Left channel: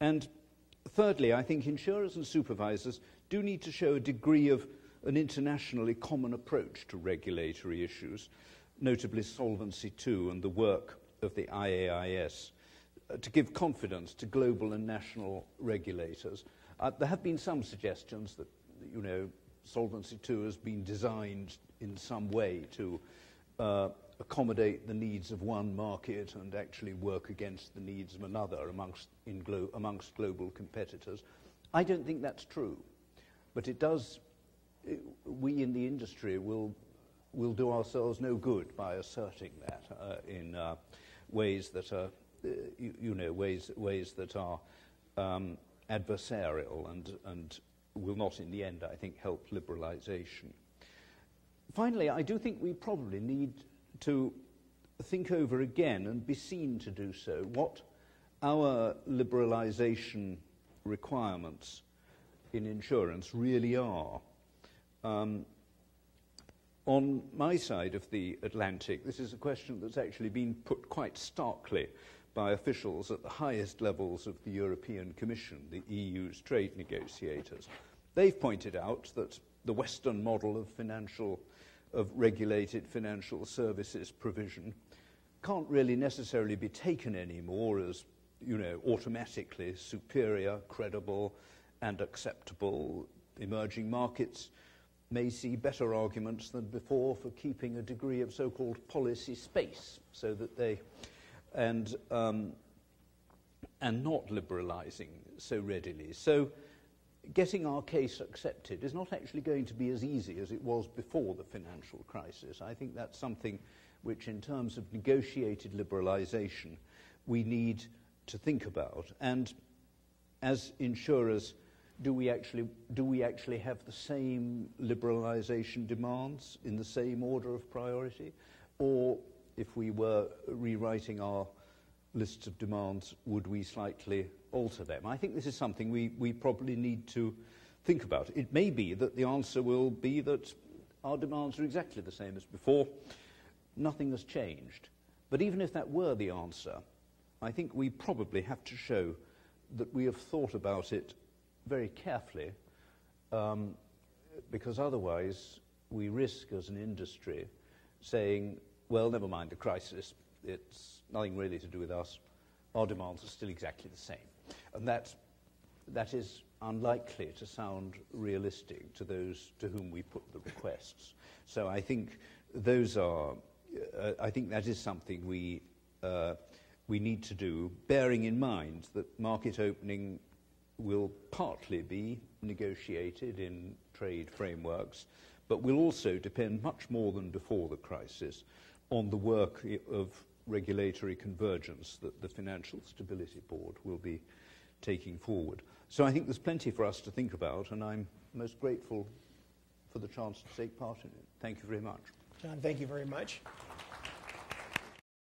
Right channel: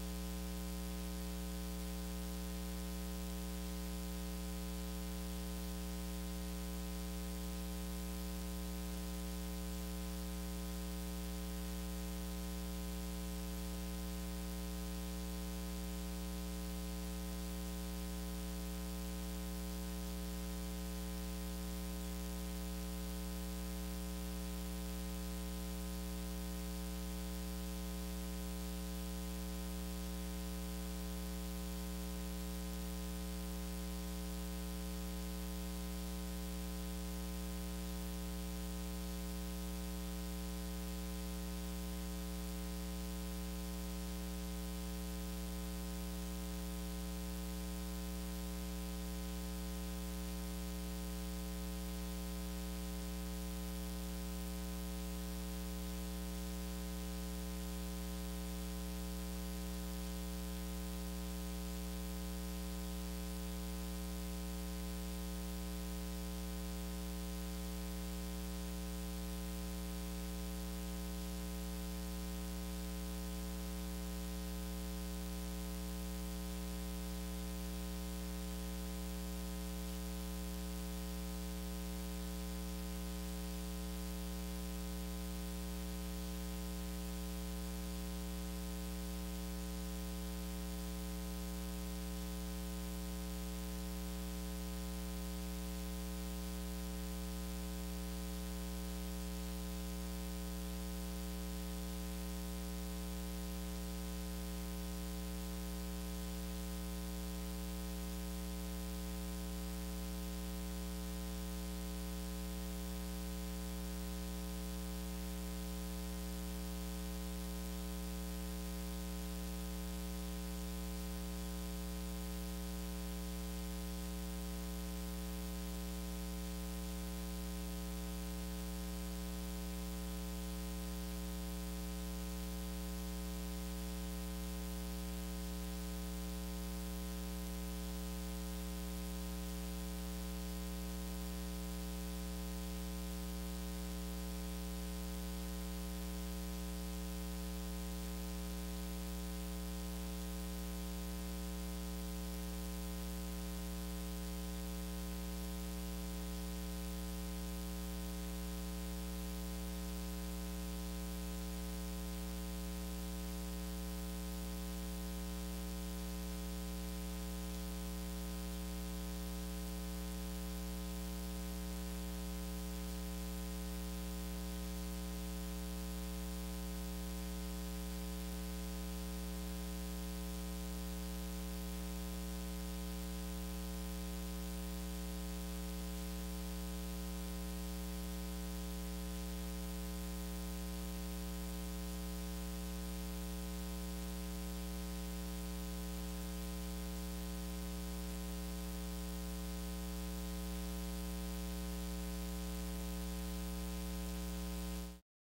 And thirdly, I think insurers and supervisors do need to show a degree of an internationally common approach to regulatory issues, notably Solvency II and the work of the IAIS, to give confidence to global and national regulators. There have been some suggestions that, Solvency II has been designed in some way to accommodate the needs of one market and actually work against the needs of another amongst global competitors. I don't think that's true, but it does. We in the industry will do ourselves no good by asserting that in ways that are, ways that are adversarial and will not, in the end, I think, help liberalisation. Finally, I do think we probably need to think over again and be seen to do so what our liberalisation requirements in insurance really are. On my side of the Atlantic, this is a question that's actually been put quite starkly by officials at the highest levels of the European Commission, the EU's trade negotiators. They've pointed out that the Western model of regulated financial services provision can't really necessarily be taken anymore as, automatically superior, credible, and acceptable. Emerging markets may see better arguments than before for keeping a degree of so-called policy space, so that they and not liberalising so readily. So getting our case accepted is not actually going to be as easy as it was before the financial crisis. I think that's something which, in terms of negotiated liberalisation, we need to think about. And as insurers, do we actually have the same liberalisation demands in the same order of priority? Or if we were rewriting our lists of demands, would we slightly alter them? I think this is something we probably need to think about. It may be that the answer will be that our demands are exactly the same as before. Nothing has changed. But even if that were the answer, I think we probably have to show that we have thought about it very carefully, because otherwise we risk as an industry saying, well, never mind the crisis, it's nothing really to do with us, our demands are still exactly the same. And that is unlikely to sound realistic to those to whom we put the requests. So I think I think that is something we need to do, bearing in mind that market opening will partly be negotiated in trade frameworks, but will also depend much more than before the crisis on the work of regulatory convergence that the Financial Stability Board will be taking forward. So I think there's plenty for us to think about, and I'm most grateful for the chance to take part in it. Thank you very much. John, thank you very much.